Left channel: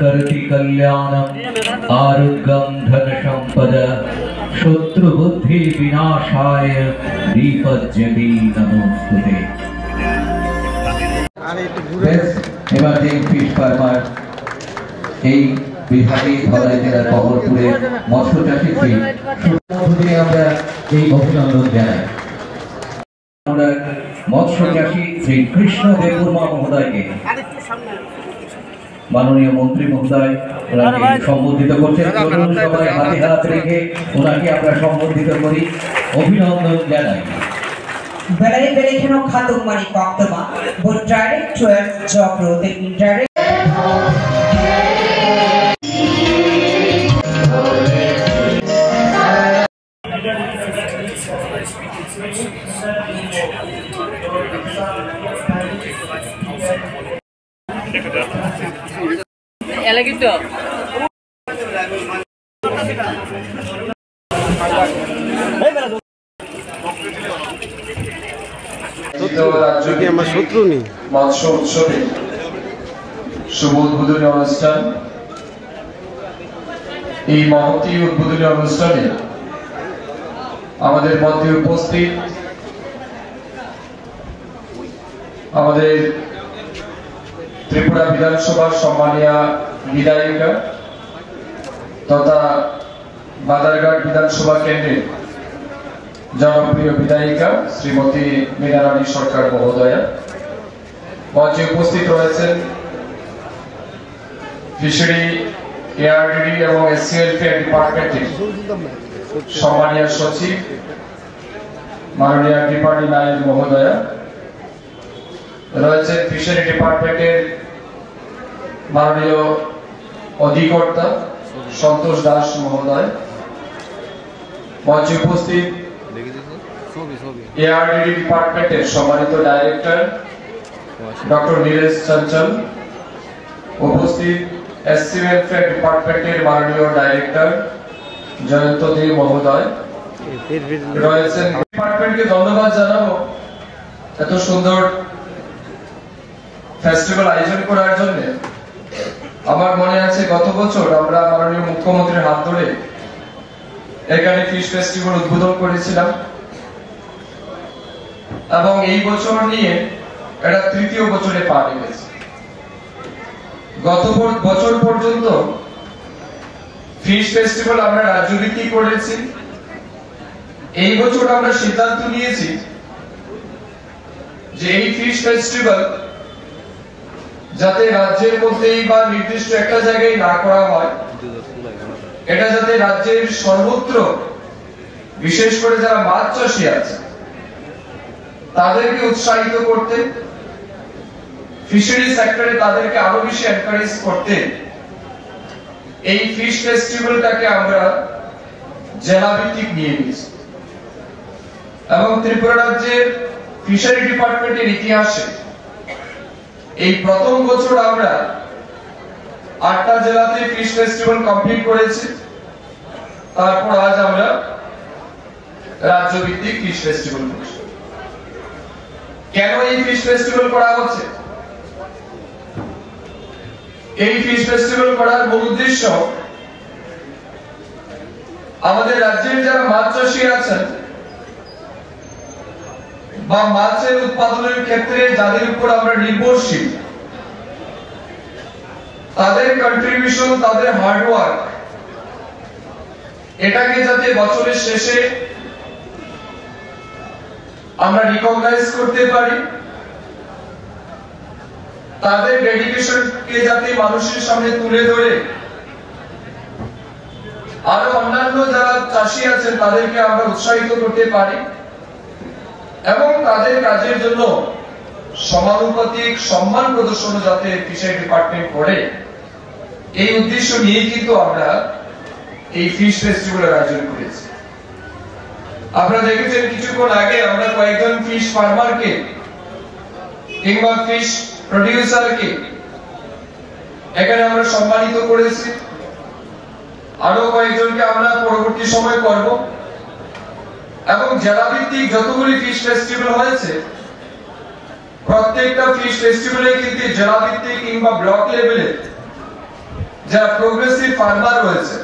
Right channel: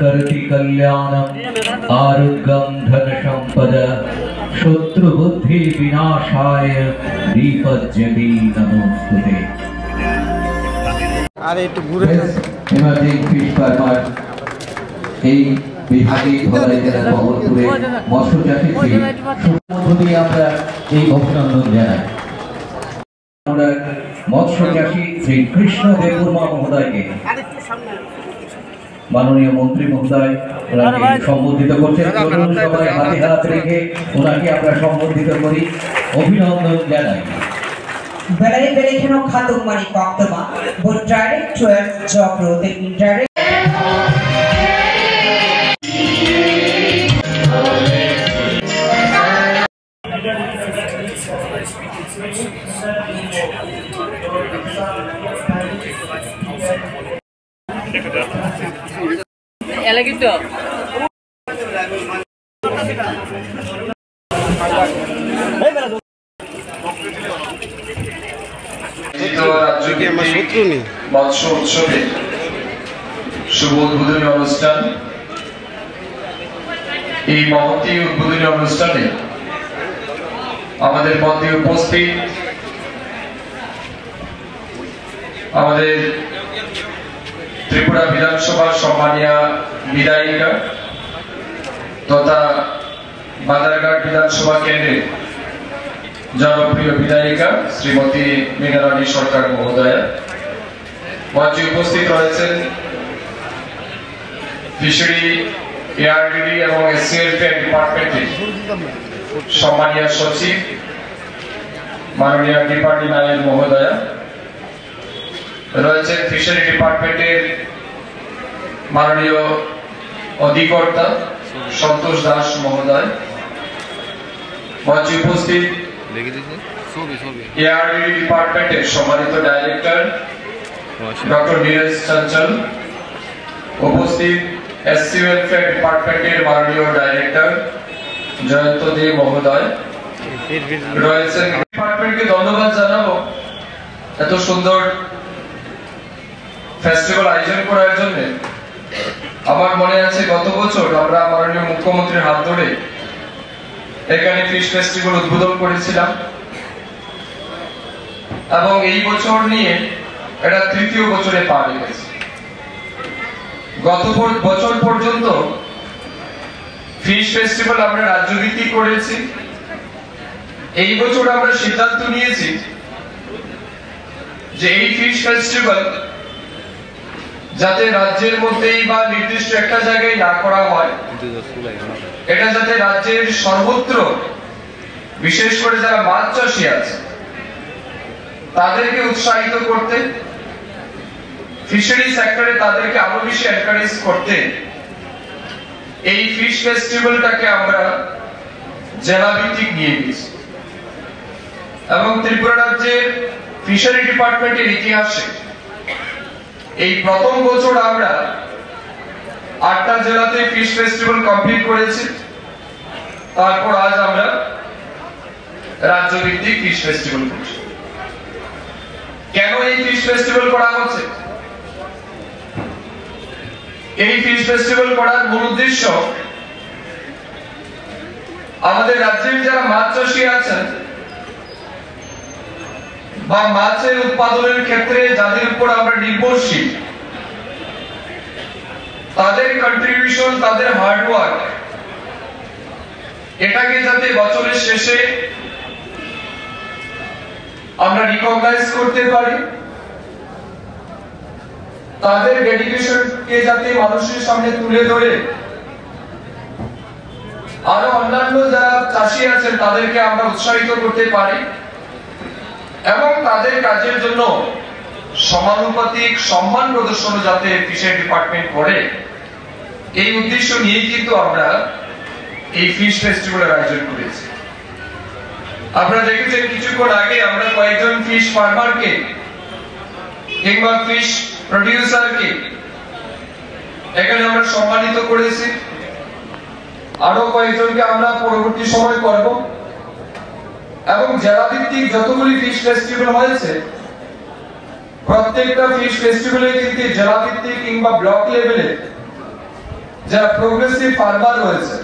करति कल्याणम आरोग्यम धन संपद शत्रु बुद्धि विनाशाय दीपज्योति नमोस्तुते। इमर्जिंग फिश फार्मार এই বিহারী ধলাই জেলার বহরপুরে মৎস্য চাষী শ্রী সুমধুরী আমরা এই অভিনন্দন জানাই। আমরা মৎস্য চাষী শ্রী কৃষ্ণ দেববর্মা মহোদয়কে মাননীয় মন্ত্রী মহোদয় ওনাকে সম্বোধিত করছেন। চলুন সবাই হাতে হাত রেখে ওনাকে আমরা সম্বোধিত করি, অভিনন্দন জানাই। Belai belai khatung mani paktama, but direct 12 job growth and indirect. Elagito. মৎস্য উৎসবে শুভ উদ্বোধনী অনুষ্ঠান। এই মহতী উদ্বোধনী অনুষ্ঠানে আমাদের মধ্যে উপস্থিত আমাদের ত্রিপুরা বিধানসভার সম্মানীয় বিধায়িকা তথা বাদারঘাট বিধানসভা কেন্দ্রের জনপ্রিয় বিধায়িকা শ্রীমতী মীনারানী সরকার মহোদয়া, মঞ্চে উপস্থিত রয়েছেন ফিশারি এআরডিডি এবং এসসিএলফেয়ার ডিপার্টমেন্টের সম্মানীয় সচিব মাননীয় ত্রিপাঠী নায়েক মহোদয়া, রয়েছেন ফিশারি ডিপার্টমেন্টের মাননীয় অধিকর্তা সন্তোষ দাস মহোদয়, মঞ্চে উপস্থিত এআরডিডি ডিপার্টমেন্টের সম্মানিত ডাইরেক্টর ডক্টর নীরজ চঞ্চল, উপস্থিত এসসি ওয়েলফেয়ার ডিপার্টমেন্টের মাননীয় ডাইরেক্টর জয়ন্ত দে মহোদয় রয়েছেন। ডিপার্টমেন্টকে ধন্যবাদ জানাবো এত সুন্দর ফেস্টিভ্যাল আয়োজন করার জন্য। আমার মনে আছে গত বছর আমরা মাননীয় মুখ্যমন্ত্রীর হাত ধরে এখানে ফিশ ফেস্টিভ্যাল উদ্বোধন করেছিলাম এবং এই বছর নিয়ে এটা তৃতীয় বছরে পা রেখেছে। গত বছর পর্যন্ত ফিশ ফেস্টিভ্যাল আমরা রাজ্যভিত্তিক করেছি। এই বছর আমরা সিদ্ধান্ত নিয়েছি যে এই ফিশ ফেস্টিভ্যাল যাতে রাজ্যের মধ্যেই বা নির্দিষ্ট একটা জায়গায় না করা হয়, এটা যাতে রাজ্যের সর্বত্র, বিশেষ করে যারা মাছ চাষী আছে তাদেরকে উৎসাহিত করতে, ফিশারি সেক্টরে তাদেরকে আরো বেশি এনকারেজ করতে এই ফিশ ফেস্টিভ্যালটাকে আমরা জেলা ভিত্তিক নিয়ে গেছি। এবং ত্রিপুরা রাজ্যের ফিশারি ডিপার্টমেন্টের ইতিহাসে এই প্রথম বছর আমরা 8টা জেলাতে ফিশ ফেস্টিভ্যাল কমপ্লিট করেছি। তারপর আজ আমরা রাজ্য ভিত্তিক ফিশ ফেস্টিভ্যাল করছি। কেন এই ফিশ ফেস্টিভ্যাল করা হচ্ছে? এই ফিশ ফেস্টিভ্যাল করার মূল উদ্দেশ্য আমাদের রাজ্যের যারা মাছ চাষী আছেন বা মাছের উৎপাদনের ক্ষেত্রে যাদের উপর আমরা নির্ভরশীল, তাদের কন্ট্রিবিউশন, তাদের হার্ডওয়ার্ক, এটাকে যাতে বছরের শেষে আমরা রিকগনাইজ করতে পারি, তাদের ডেডিকেশনকে যাতে মানুষের সামনে তুলে ধরে আরো অন্যান্য যারা চাষী আছেন তাদেরকে আমরা উৎসাহিত করতে পারি এবং তাদের কাজের জন্য সমানুপাতিক সম্মান প্রদর্শন যাতে ফিশারি ডিপার্টমেন্ট করে, এই উদ্দেশ্য নিয়ে কিন্তু আমরা এই ফিশ ফেস্টিভ্যালের আয়োজন করেছি। আপনারা দেখেছেন কিছুক্ষণ আগে আমরা কয়েকজন ফিশ ফার্মারকে কিংবা ফিশ প্রডিউসারকে এখানে আমরা সম্মানিত করেছি। আরো কয়েকজনকে আমরা পরবর্তী সময় করব এবং জেলা ভিত্তিক যতগুলি ফিশ ফেস্টিভ্যাল হয়েছে প্রত্যেকটা ফিশ ফেস্টিভ্যালে কিন্তু জেলা ভিত্তিক কিংবা ব্লক লেভেলে যারা প্রোগ্রেসিভ ফার্মার রয়েছে,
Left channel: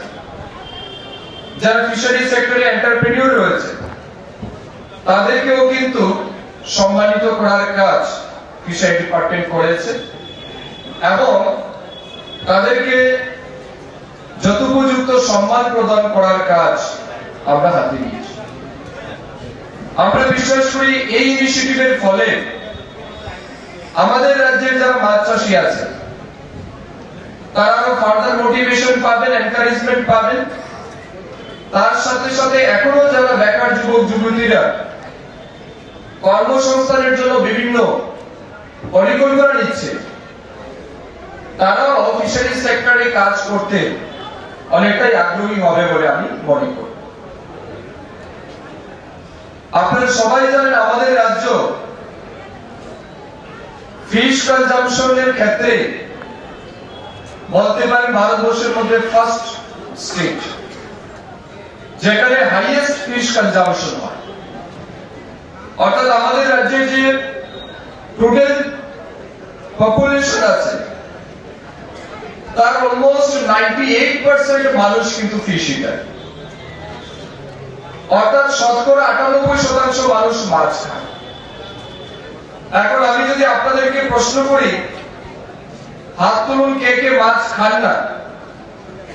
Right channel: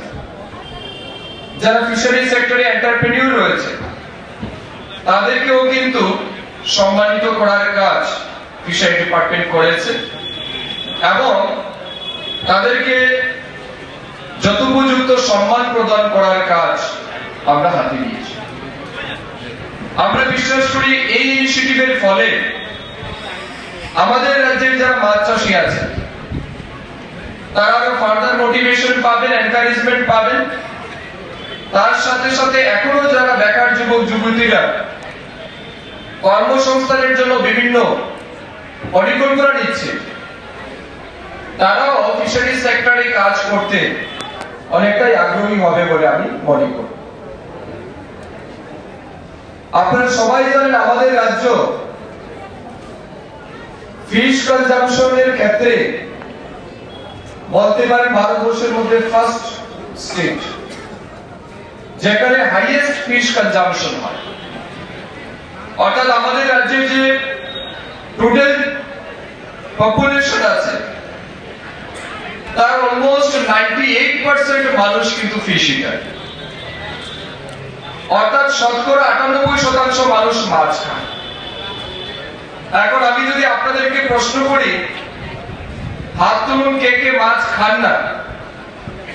যারা ফিশারি সেক্টরে এন্টারপ্রেনিউর রয়েছে, তাদেরকেও কিন্তু সম্মানিত করার কাজ ফিশারি ডিপার্টমেন্ট করেছে এবং তাদেরকে যথোপযুক্ত সম্মান প্রদান করার কাজ আমরা হাতে নিয়েছি। আমরা বিশ্বাস করি এই ইনিশিয়েটিভের ফলে আমাদের রাজ্যের যারা মাছ চাষী আছে তারা আরো ফার্দার মোটিভেশন পাবেন, এনকারেজমেন্ট পাবেন। তার সাথে সাথে এখনো যারা বেকার যুবক যুবতীরা কর্মসংস্থানের জন্য বিভিন্ন পরিকল্পনা নিচ্ছে, তারাও ফিশারি সেক্টরে কাজ করতে অনেকটাই আগ্রহী হবে বলে আমি মনে করি। আপনারা সবাই জানেন আমাদের রাজ্য ফিশ কনজাম্পশনের ক্ষেত্রে বলতে পারেন ভারতবর্ষের মধ্যে ফার্স্ট স্টেট যেখানে হাইয়েস্ট ফিশ কনজাম্পশন হয়। অর্থাৎ আমাদের রাজ্যে যে টোটাল পপুলেশন আছে তার অলমোস্ট 98% মানুষ কিন্তু ফিশ ইটার, অর্থাৎ শতকরা 98% মানুষ মাছ খায়। এখন আমি যদি আপনাদেরকে প্রশ্ন করি, হাত তুলুন কে কে মাছ খান না,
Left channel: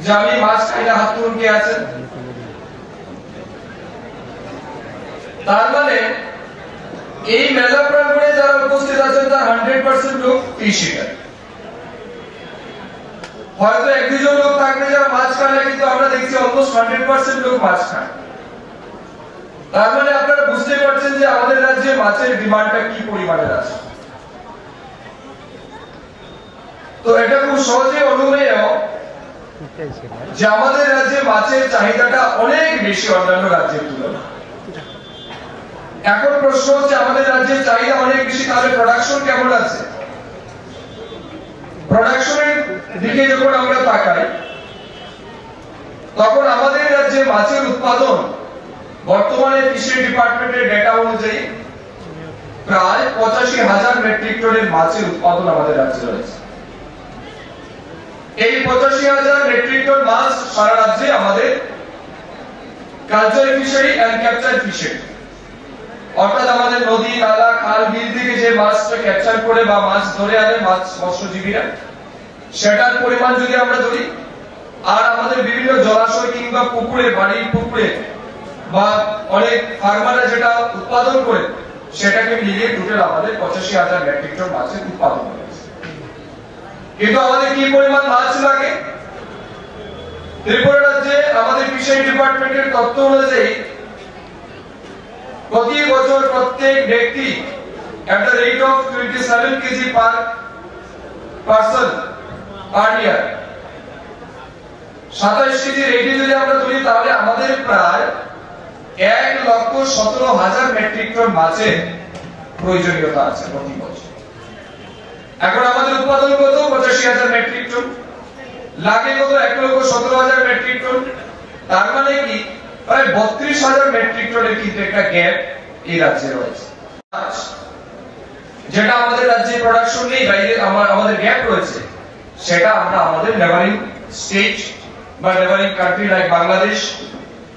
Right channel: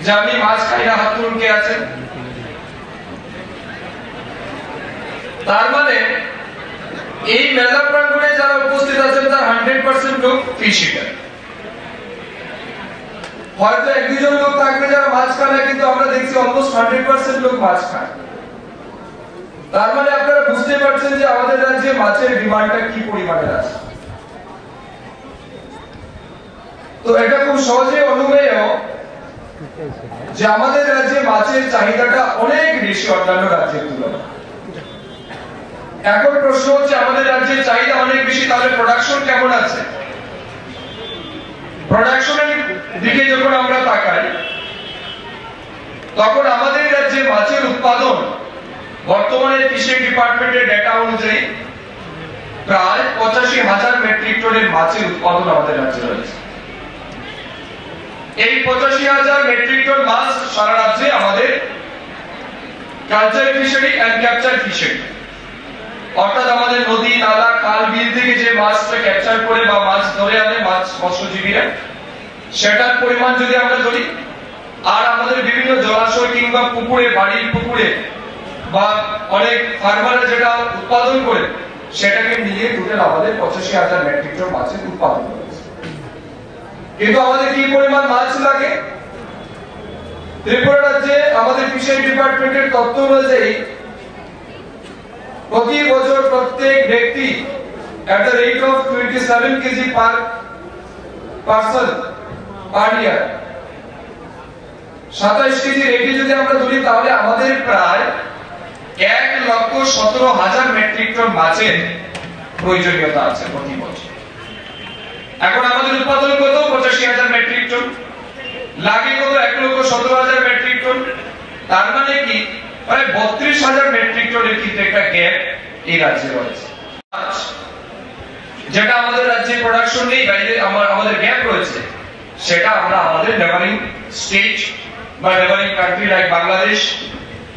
যে আমি মাছ খাই না, হাত তুলুন কে আছেন? তার মানে এই মেলা প্রাঙ্গণে যারা উপস্থিত আছেন তার 100% লোক ফিশ ইটার। হয়তো এক দুজন লোক থাকবে যারা মাছ খায় না, কিন্তু আমরা দেখছি অলমোস্ট 100% লোক মাছ খায়। তার মানে আপনারা বুঝতে পারছেন যে আমাদের রাজ্যে মাছের ডিমান্ডটা কি পরিমাণে আছে। তো এটা খুব সহজে অনুমেয় যে আমাদের রাজ্যে মাছের চাহিদাটা অনেক বেশি অন্যান্য রাজ্যের তুলনায়। এখন প্রশ্ন হচ্ছে আমাদের রাজ্যের চাহিদা অনেক বেশি, তাহলে প্রোডাকশন কেমন আছে? প্রোডাকশনের দিকে যখন আমরা তাকাই তখন আমাদের রাজ্যে মাছের উৎপাদন বর্তমানে ফিশারি ডিপার্টমেন্টের ডেটা অনুযায়ী প্রায় 85,000 মেট্রিক টনের মাছের উৎপাদন আমাদের রাজ্যে রয়েছে। এই 85,000 মেট্রিক টন মাছ সারা রাজ্যে আমাদের culture fishery and capture fishery, অর্থাৎ আমাদের নদী নালা খাল বিল থেকে যে মাছটা ক্যাপচার করে বা মাছ ধরে আনে মাছ মৎস্যজীবীরা, সেটার পরিমাণ যদি আমরা ধরি, আর আমাদের বিভিন্ন জলাশয় কিংবা পুকুরে, বাড়ির পুকুরে বা অনেক ফার্মাররা যেটা উৎপাদন করে, সেটাকে মিলিয়ে টোটাল আমাদের 85,000 মেট্রিক টন মাছের উৎপাদন হয়েছে। কিন্তু আমাদের কি পরিমাণ মাছ লাগে? ত্রিপুরা রাজ্যে আমাদের ফিশারি ডিপার্টমেন্টের তথ্য অনুযায়ী প্রতি বছর প্রত্যেক ব্যক্তি at the rate of 27 kg per person per year 27 KG রেটে যদি আমরা ধরি, তাহলে আমাদের প্রায় 1,17,000 মেট্রিক টন মাছের প্রয়োজনীয়তা আছে প্রতি বছর। এখন আমাদের উৎপাদন কত? 85,000 মেট্রিক টন, লাগে কত? 1,17,000 মেট্রিক টন। তার মানে কি প্রায় 32,000 মেট্রিক টনের কিন্তু একটা গ্যাপ এই রাজ্যে রয়েছে, যেটা আমাদের রাজ্যে প্রোডাকশন নেই, বাইরে আমাদের গ্যাপ রয়েছে। সেটা আমরা আমাদের নেবারিং স্টেট বা neighbouring country like Bangladesh,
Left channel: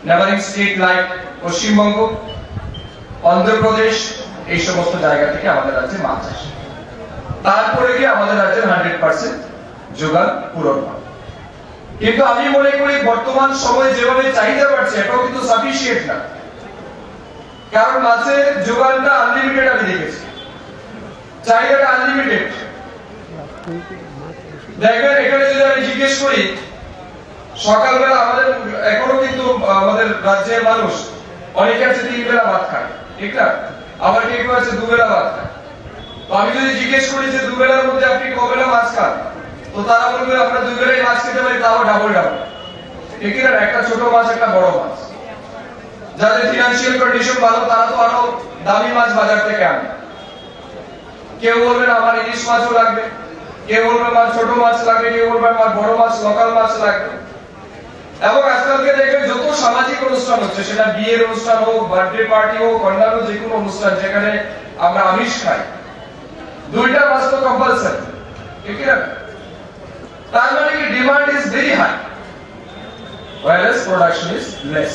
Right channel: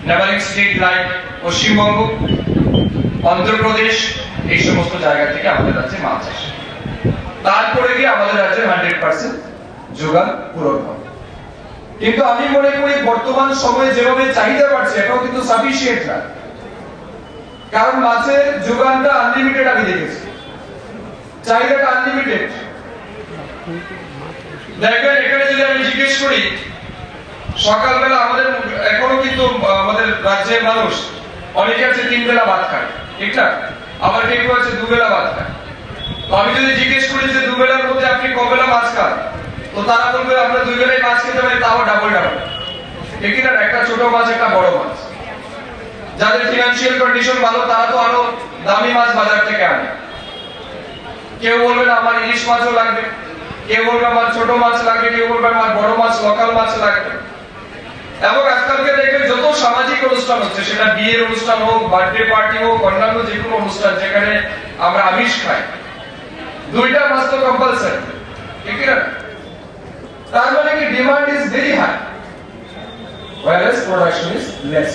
neighbouring state like Paschimbanga, Andhra Pradesh, এই সমস্ত জায়গা থেকে আমাদের রাজ্যে মাছ আসে। তারপরে গিয়ে আমাদের রাজ্যের 100% যোগান পূরণ হয়। কিন্তু আমি মনে করি বর্তমান সময়ে যেভাবে চাহিদা বাড়ছে, এটাও কিন্তু সাফিসিয়েন্ট না, কারণ মাছের যোগানটা আনলিমিটেড আমি দেখেছি, চাহিদাটা আনলিমিটেড। দেখেন এখানে যদি আমি জিজ্ঞেস করি, সকালবেলা আমাদের এখনো কিন্তু আমাদের রাজ্যের মানুষ অনেকে আছে 3 বেলা ভাত খায়, ঠিক না? আবার কেউ আছে 2 বেলা ভাত খায়। তো আমি যদি জিজ্ঞেস করি যে 2 বেলার মধ্যে আপনি কবেলা মাছ খান, তো তারা বলবে আমরা 2 বেলায় মাছ খেতে পারি, তাও ডাবল ডাবল, ঠিক না? একটা ছোট মাছ একটা বড় মাছ। যাদের ফিনান্সিয়াল কন্ডিশন ভালো তারা তো আরো দামি মাছ বাজার থেকে আনে। কেউ বলবে না আমার ইলিশ মাছও লাগবে, কেউ বলবে আমার ছোট মাছ লাগবে, কেউ বলবে আমার বড় মাছ লোকাল মাছ লাগবে। এবং আজকালকে দেখবেন যত সামাজিক অনুষ্ঠান হচ্ছে, সেটা বিয়ের অনুষ্ঠান হোক, বার্থডে পার্টি হোক, অন্যান্য যে কোনো অনুষ্ঠান যেখানে আমরা আমিষ খাই, দুইটা মাস তো কম্পালসারি, ঠিক না? তার মানে কি demand is very high whereas production is less।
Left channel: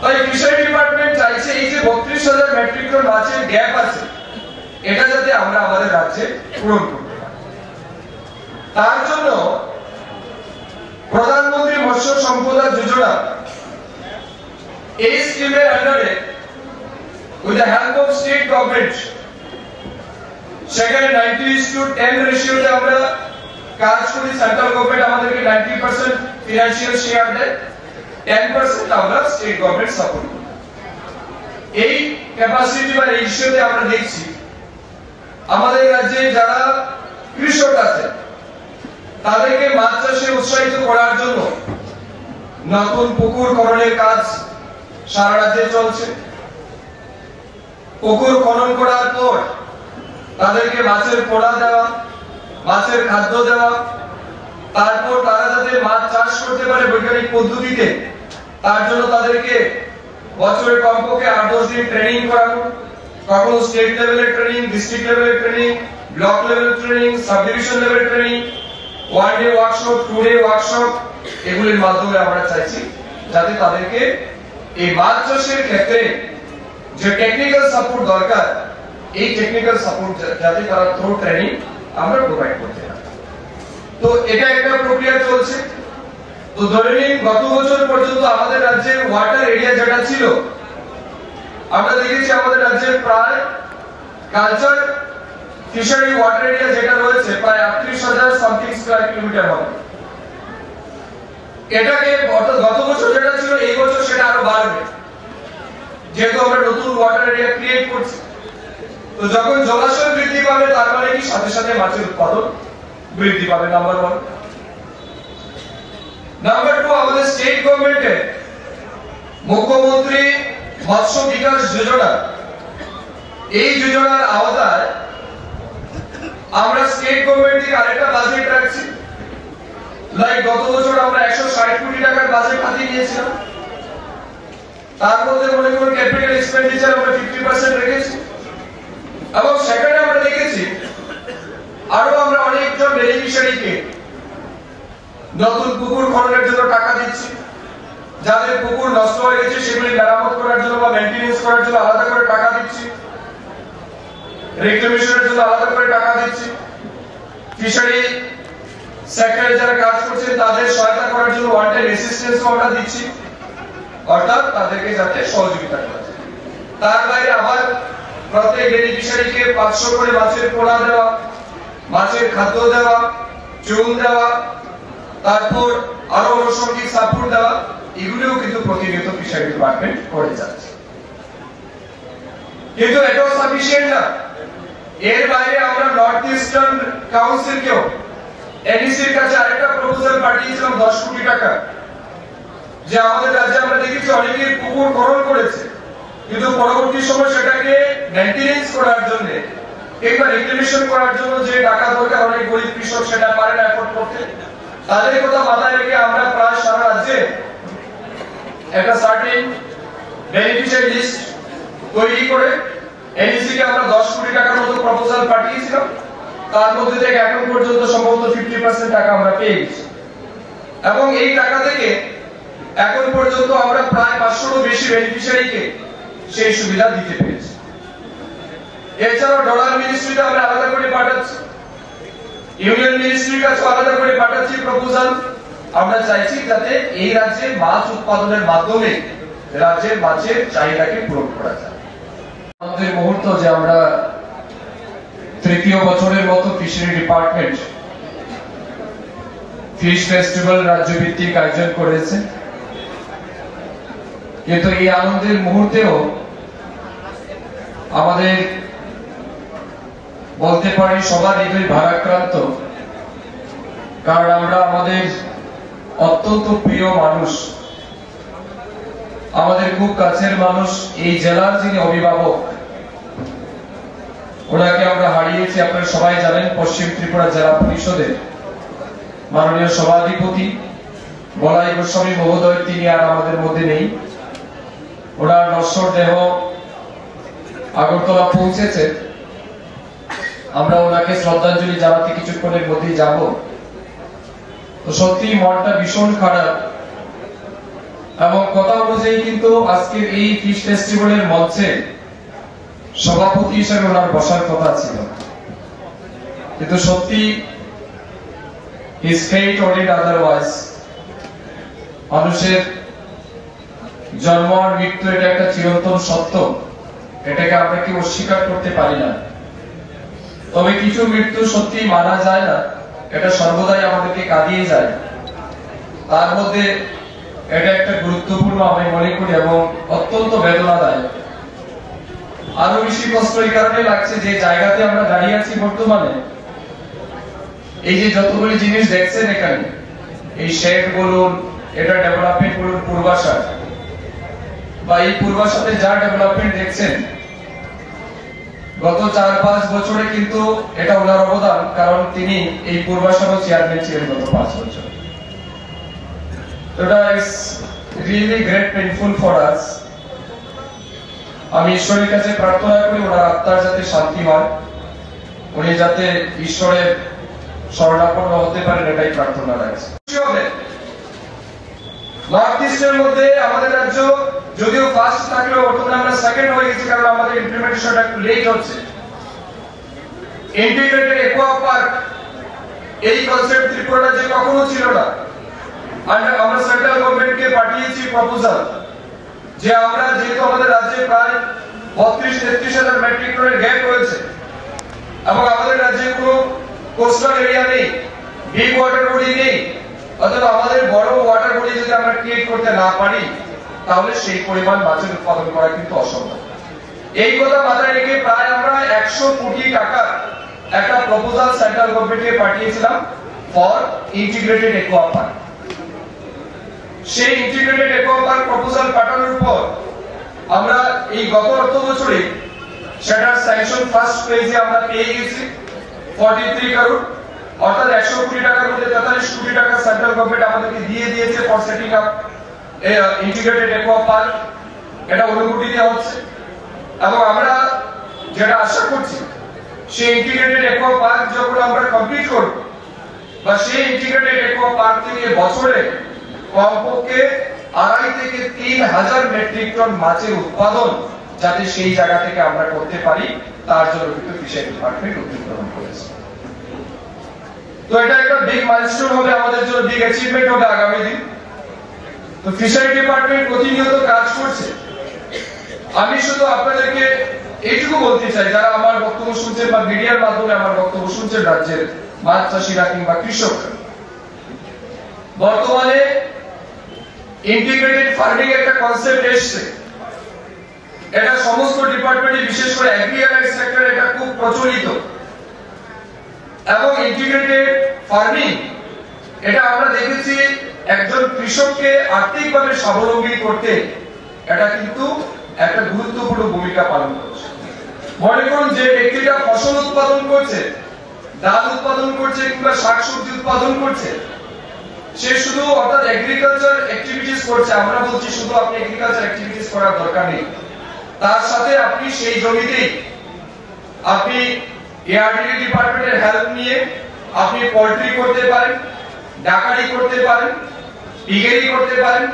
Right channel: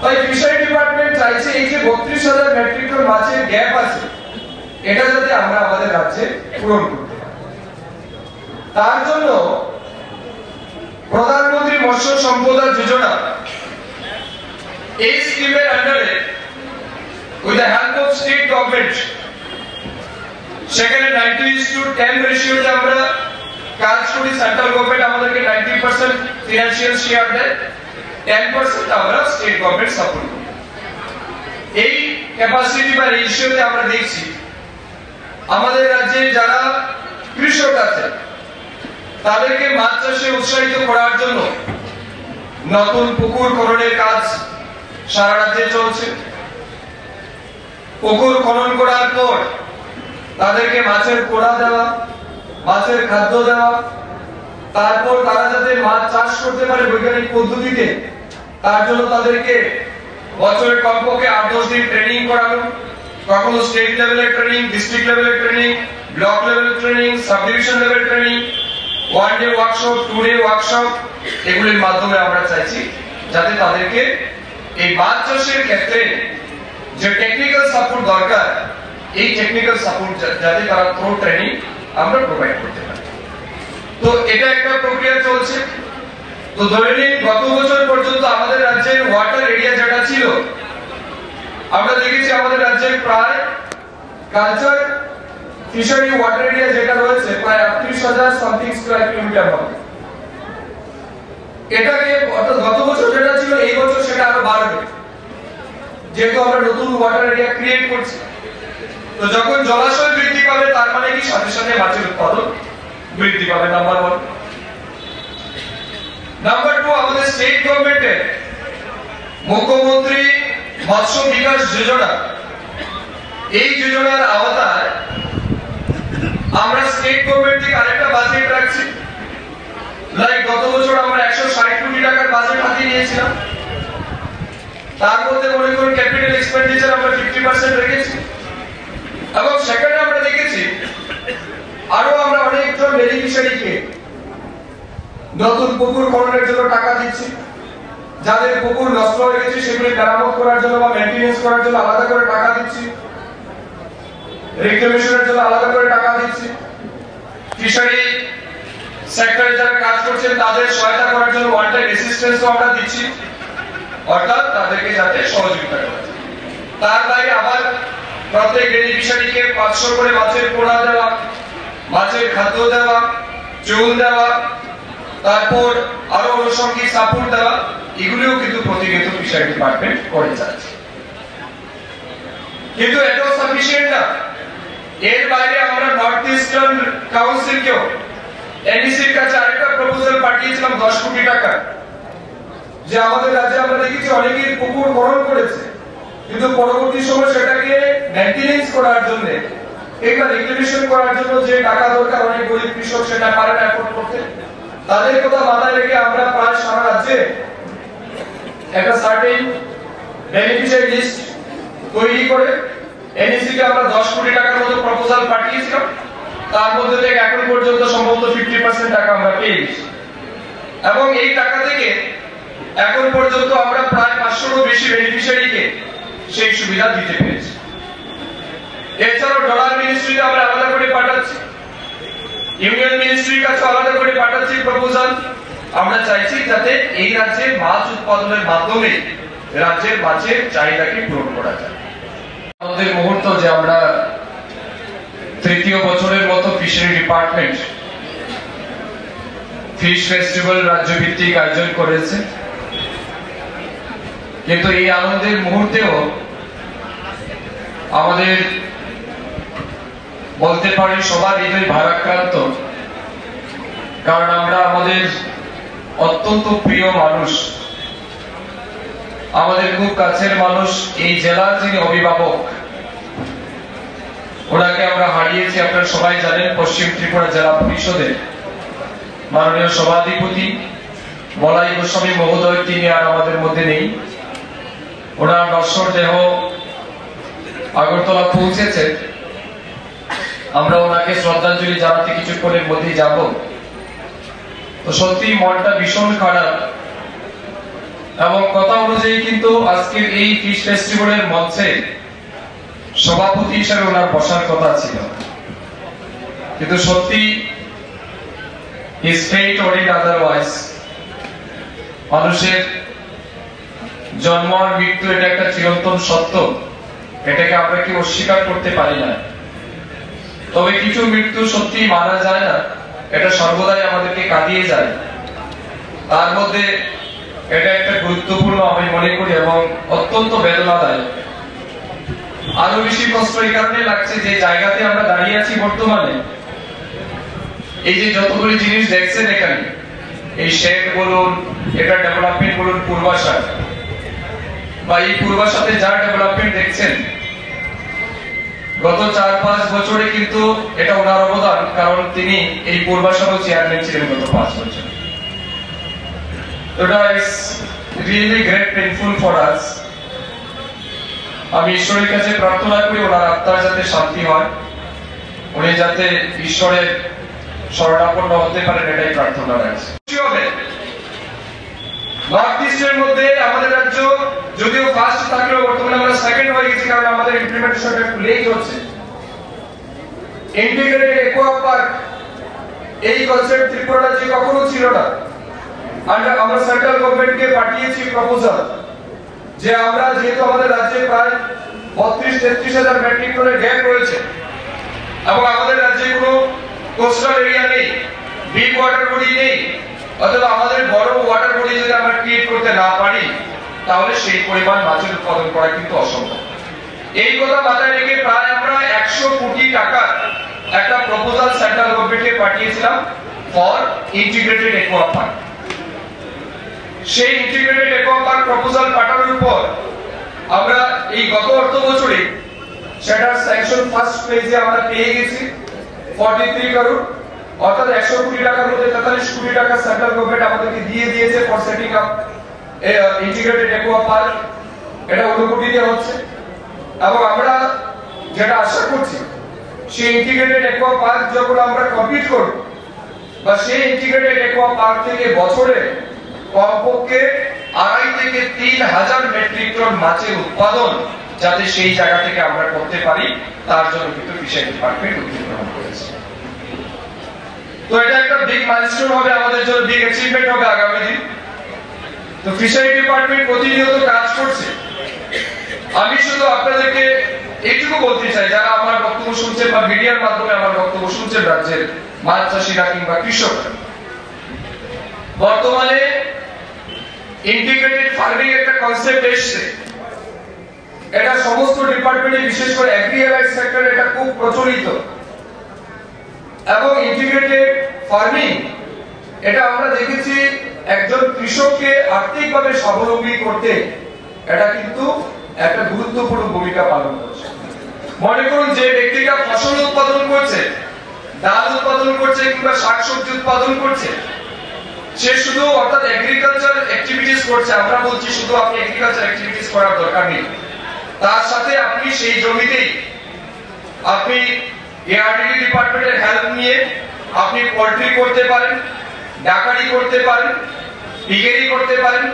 তাই ফিশারি ডিপার্টমেন্ট চাইছে এই যে ৩২,০০০ মেট্রিক টন মাছের গ্যাপ আছে এটা যাতে আমরা আমাদের রাজ্যে পূরণ করি। তার জন্য প্রধানমন্ত্রী মৎস্য সম্পদা যোজনা এই স্কিমের আন্ডারে with the help of state government সেখানে 90:10 রেশিওতে আমরা কাজ করি। সেন্ট্রাল গভর্নমেন্ট আমাদেরকে 90% ফিনান্সিয়াল শেয়ার দেয়, 10% আমরা স্টেট গভর্নমেন্ট সাপোর্ট করি। এই ক্যাপাসিটি বা রেশিওতে আমরা দেখছি আমাদের রাজ্যে যারা কৃষক আছে তাদেরকে মাছ চাষে উৎসাহিত করার জন্য নতুন পুকুর খননের কাজ সারা রাজ্যে চলছে। পুকুর খনন করার পর তাদেরকে মাছের পোড়া দেওয়া, মাছের খাদ্য দেওয়া, তারপর তারা যাতে মাছ চাষ করতে পারে বৈজ্ঞানিক পদ্ধতিতে তার জন্য তাদেরকে বছরে কমপক্ষে 8-10 দিন ট্রেনিং করানো, কখনো স্টেট লেভেলের ট্রেনিং, ডিস্ট্রিক্ট লেভেলের training, block level training, sub division level training, 1 day workshop, 2 day workshop, এগুলির মাধ্যমে আমরা চাইছি যাতে তাদেরকে এই মাছ চাষের ক্ষেত্রে যে টেকনিক্যাল সাপোর্ট দরকার এই টেকনিক্যাল সাপোর্ট যাতে তারা থ্রু ট্রেনিং আমরা প্রোভাইড করতে পারি। তো এটা একটা প্রক্রিয়া চলছে। তো ধরে নিন গত বছর পর্যন্ত আমাদের রাজ্যের ওয়াটার এরিয়া যেটা ছিল আমরা দেখেছি আমাদের রাজ্যে প্রায় কালচার ফিশারি ওয়াটার এরিয়া যেটা রয়েছে প্রায় ৩৮,০০০ সামথিং স্কয়ার কিলোমিটার হবে। এটাকে গত বছর যেটা ছিল এই বছর সেটা আরো বাড়বে যেহেতু আমরা নতুন ওয়াটার এরিয়া ক্রিয়েট করছি। তো যখন জলাশয় বৃদ্ধি পাবে তার মানে কি সাথে সাথে মাছের উৎপাদন বৃদ্ধি পাবে, নাম্বার 1। নাম্বার 2, আমাদের স্টেট গভর্নমেন্টের মুখ্যমন্ত্রী মৎস্য বিকাশ যোজনা, এই যোজনার আওতায় আমরা স্টেট গভর্নমেন্ট থেকে আরেকটা বাজেট রাখছি। লাইক গত বছর আমরা 160 কোটি টাকার বাজেট হাতে নিয়েছিলাম, তার মধ্যে মনে করুন ক্যাপিটাল এক্সপেন্ডিচার আমরা 50% রেখেছি এবং সেখানে আমরা দেখেছি আরো আমরা অনেকজন বেনিফিশিয়ারিকে নতুন পুকুর খননের জন্য টাকা দিচ্ছি, যাদের পুকুর নষ্ট হয়ে গেছে সেগুলি মেরামত করার জন্য বা মেইনটেনেন্স করার জন্য আলাদা করে টাকা দিচ্ছি, রিক্লেমেশনের জন্য আলাদা করে টাকা দিচ্ছি, ফিশারি সেক্টরে যারা কাজ করছেন তাদের সহায়তা করার জন্য ওয়ান টাইম অ্যাসিস্ট্যান্সও আমরা দিচ্ছি, অর্থাৎ তাদেরকে যাতে সহযোগিতা করা যায়। তার বাইরে আবার প্রত্যেক বেনিফিশিয়ারিকে 500 করে মাছের পোড়া দেওয়া, মাছের খাদ্য দেওয়া, চুল দেওয়া, তারপর আরো আনুষঙ্গিক সাপোর্ট দেওয়া, এগুলোও কিন্তু প্রতিনিয়ত ফিশারি ডিপার্টমেন্ট করে যাচ্ছে। কিন্তু এটাও সাফিসিয়েন্ট না, এর বাইরে আমরা নর্থ ইস্টার্ন কাউন্সিলকেও এনডিসির কাছে আরেকটা প্রপোজাল পাঠিয়েছিলাম 10 কোটি টাকা, যে আমাদের রাজ্যে আমরা দেখেছি অনেকেই পুকুর খনন করেছে কিন্তু পরবর্তী সময় সেটাকে মেইনটেনেন্স করার জন্য কিংবা রিক্লেমেশন করার জন্য যে টাকা দরকার অনেক গরিব কৃষক সেটা পারে না এফোর্ড করতে। তাদের কথা মাথায় রেখে আমরা প্রায় সারা রাজ্যে একটা সার্টেন বেনিফিশিয়ারি লিস্ট তৈরি করে এনডিসি কে আমরা 10 কোটি টাকার মতো প্রপোজাল পাঠিয়েছিলাম, তার মধ্যে থেকে এখন পর্যন্ত সম্ভবত 50% টাকা আমরা পেয়েছি এবং এই টাকা থেকে এখন পর্যন্ত আমরা প্রায় 500-এরও বেশি বেনিফিশিয়ারিকে সেই সুবিধা দিতে পেরেছি। এছাড়াও ডলার মিনিস্ট্রিতে আমরা আলাদা করে পাঠাচ্ছি, ইউনিয়ন মিনিস্ট্রির কাছে আলাদা করে পাঠাচ্ছি প্রপোজাল। আমরা চাইছি যাতে এই রাজ্যে মাছ উৎপাদনের মাধ্যমে রাজ্যের মাছের চাহিদাকে পূরণ করা যায়। আমাদের মুহূর্ত যে আমরা তৃতীয় বছরের মতো ফিশারি ডিপার্টমেন্ট ফিশ ফেস্টিভ্যাল রাজ্যভিত্তিক আয়োজন করেছে, কিন্তু এই আনন্দের মুহূর্তেও আমাদের বলতে পারি সবার হৃদয় ভারাক্রান্ত, কারণ আমরা আমাদের অত্যন্ত প্রিয় মানুষ, আমাদের খুব কাছের মানুষ, এই জেলার যিনি অভিভাবক ওনাকে আমরা হারিয়েছি। আপনারা সবাই জানেন পশ্চিম ত্রিপুরা জেলা পরিষদের মাননীয় সভাধিপতি বলাই গোস্বামী মহোদয় তিনি আর আমাদের মধ্যে নেই। ওনার নশ্বর দেহ আগরতলা পৌঁছেছে আমরা ওনাকে শ্রদ্ধাঞ্জলি জানাতে কিছুক্ষণের মধ্যেই যাব। তো সত্যি মনটা ভীষণ খারাপ, এবং কথা অনুযায়ী কিন্তু আজকের এই ফিশ ফেস্টিভ্যালের মঞ্চে সভাপতি হিসেবে ওনার বসার কথা ছিল, কিন্তু সত্যি his fate ordered otherwise। মানুষের জন্ম আর মৃত্যু এটা একটা চিরন্তন সত্য, এটাকে আমরা কি অস্বীকার করতে পারি না। তবে কিছু মৃত্যু সত্যি মারা যায় না, এটা সর্বদাই আমাদেরকে কাঁদিয়ে যায়। তার মধ্যে এটা একটা গুরুত্বপূর্ণ আমি মনে করি এবং অত্যন্ত বেদনাদায়ক। আরো বেশি কষ্ট এই কারণে লাগছে যে জায়গাতে আমরা দাঁড়িয়ে আছি বর্তমানে, এই যে যতগুলি জিনিস দেখছেন এখানে, এই শেড বলুন, এটা ডেভেলপমেন্ট বলুন পূর্বাশা, বা এই পূর্বাশাতে যা ডেভেলপমেন্ট দেখছেন গত 4-5 বছরে কিন্তু এটা ওনার অবদান, কারণ তিনি এই পূর্বাশার চেয়ারম্যান ছিলেন গত 5 বছর। এটা is really great painful for us. আমি ঈশ্বরের কাছে প্রার্থনা করি ওনার আত্মার যাতে শান্তি হয়, উনি যাতে ঈশ্বরের শরণাপন্ন হতে পারেন, এটাই প্রার্থনা রাখছি। নর্থ ইস্টের মধ্যে আমাদের রাজ্য যদিও ফার্স্ট থাকলেও বর্তমানে আমরা সেকেন্ড হয়ে গেছি, কারণ আমাদের ইমপ্লিমেন্টেশনটা একটু লেট হচ্ছে। ইন্টিগ্রেটেড অ্যাকোয়া পার্ক এই কনসেপ্ট ত্রিপুরা রাজ্যে কখনো ছিল না। আমরা সেন্ট্রাল গভর্নমেন্টকে পাঠিয়েছি প্রপোজাল যে আমরা যেহেতু আমাদের রাজ্যে প্রায় 32-33 হাজার মেট্রিক টনের গ্যাপ রয়েছে এবং আমাদের রাজ্যে কোনো কোস্টাল এরিয়া নেই, ডিপ ওয়াটার বডি নেই, অথবা আমাদের বড় ওয়াটার বডি যদি আমরা ক্রিয়েট করতে না পারি তাহলে সেই পরিমাণ মাছের উৎপাদন করা কিন্তু অসম্ভব। এই কথা মাথায় রেখে প্রায় আমরা 100 কোটি টাকা একটা প্রপোজাল সেন্ট্রাল গভর্নমেন্টকে পাঠিয়েছিলাম ফর ইন্টিগ্রেটেড অ্যাকোয়া পার্ক। সেই ইন্টিগ্রেটেড অ্যাকোয়া পার্ক প্রপোজাল পাঠানোর পর আমরা এই গত অর্থ বছরে সেটার স্যাংশন ফার্স্ট ফেজে আমরা পেয়ে গেছি 43 করোড়, অর্থাৎ 100 কোটি টাকার মধ্যে 43 কোটি টাকা সেন্ট্রাল গভর্নমেন্ট আমাদেরকে দিয়ে দিয়েছে for setting up integrated aqua park. এটা অনুমতি দেওয়া হচ্ছে এবং আমরা যেটা আশা করছি সেই ইন্টিগ্রেটেড অ্যাকোয়া পার্ক যখন আমরা কমপ্লিট করব, বা সেই ইন্টিগ্রেটেড অ্যাকোয়া পার্ক থেকে বছরে কমপক্ষে 2.5 থেকে 3 হাজার মেট্রিক টন মাছের উৎপাদন যাতে সেই জায়গা থেকে আমরা করতে পারি, তার জন্য কিন্তু ফিশারি ডিপার্টমেন্ট উদ্যোগ গ্রহণ করেছে। তো এটা একটা বিগ মাইলস্টোন হবে আমাদের জন্য, বিগ অ্যাচিভমেন্ট হবে আগামী দিন। তো ফিশারি ডিপার্টমেন্ট প্রতিনিয়ত কাজ করছে। আমি শুধু আপনাদেরকে এইটুকু বলতে চাই, যারা আমার বক্তব্য শুনছেন বা মিডিয়ার মাধ্যমে আমার বক্তব্য শুনছেন রাজ্যের মাছ চাষিরা কিংবা কৃষক, বর্তমানে ইন্টিগ্রেটেড ফার্মিং একটা কনসেপ্ট এসছে। এটা সমস্ত ডিপার্টমেন্টে, বিশেষ করে এগ্রিকালচার সেক্টরে এটা খুব প্রচলিত। এবং ইন্টিগ্রেটেড ফার্মিং এটা আমরা দেখেছি একজন কৃষককে আর্থিকভাবে স্বাবলম্বী করতে এটা কিন্তু একটা গুরুত্বপূর্ণ ভূমিকা পালন করছে। মনে করুন যে ব্যক্তিটা ফসল উৎপাদন করছে, ডাল উৎপাদন করছে কিংবা শাকসবজি উৎপাদন করছে, সে শুধু অর্থাৎ এগ্রিকালচার অ্যাক্টিভিটিস করছে। আমরা বলছি শুধু আপনি এগ্রিকালচার অ্যাক্টিভিটিস করার দরকার নেই, তার সাথে আপনি সেই জমিতেই আপনি এআরডিডি ডিপার্টমেন্টের হেল্প নিয়ে আপনি পোল্ট্রি করতে পারেন, ডাকারি করতে পারেন, পিগেরি করতে পারেন।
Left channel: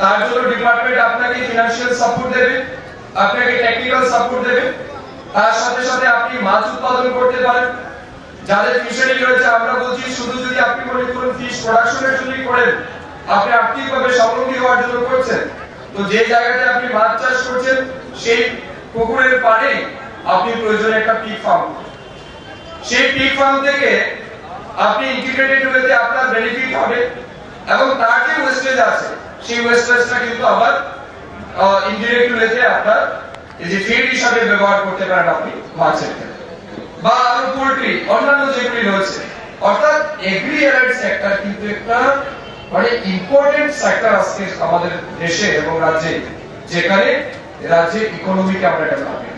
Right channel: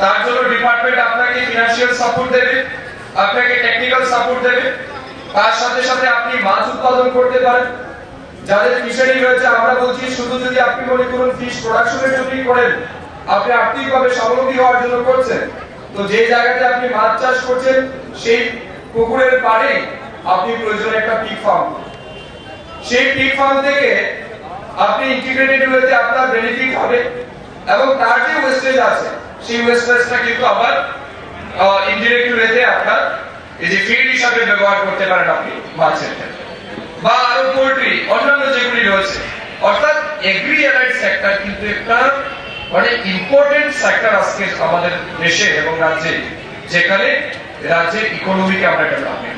তার জন্য ডিপার্টমেন্ট আপনাকে ফিনান্সিয়াল সাপোর্ট দেবে, আপনাকে টেকনিক্যাল সাপোর্ট দেবে। তার সাথে সাথে আপনি মাছ উৎপাদন করতে পারেন। যাদের ফিশারি রয়েছে আমরা বলছি শুধু যদি আপনি মনে করুন ফিশ প্রোডাকশনের জন্য করেন, আপনি আর্থিকভাবে স্বাবলম্বী হওয়ার জন্য করছেন, তো যে জায়গাতে আপনি মাছ চাষ করছেন সেই পুকুরের পাড়ে আপনি প্রয়োজনে একটা পিগ ফার্ম, সেই পিগ ফার্ম থেকে আপনি ইন্টিগ্রেটেড ওয়েতে আপনার বেনিফিট হবে এবং তার যে ওয়েস্টেজ আছে সেই ওয়েস্টেজটা কিন্তু আবার ইনডিরেক্ট ওয়েতে আপনার এই যে ফিড হিসাবে ব্যবহার করতে পারেন আপনি মাছের ক্ষেত্রে, বা আরো পোল্ট্রি অন্যান্য যেগুলি রয়েছে। অর্থাৎ এগ্রি অ্যালাইড সেক্টর কিন্তু একটা মানে ইম্পর্টেন্ট সেক্টর আজকে আমাদের দেশে এবং রাজ্যে, যেখানে রাজ্যের ইকোনমিকে আমরা ডেভেলপমেন্ট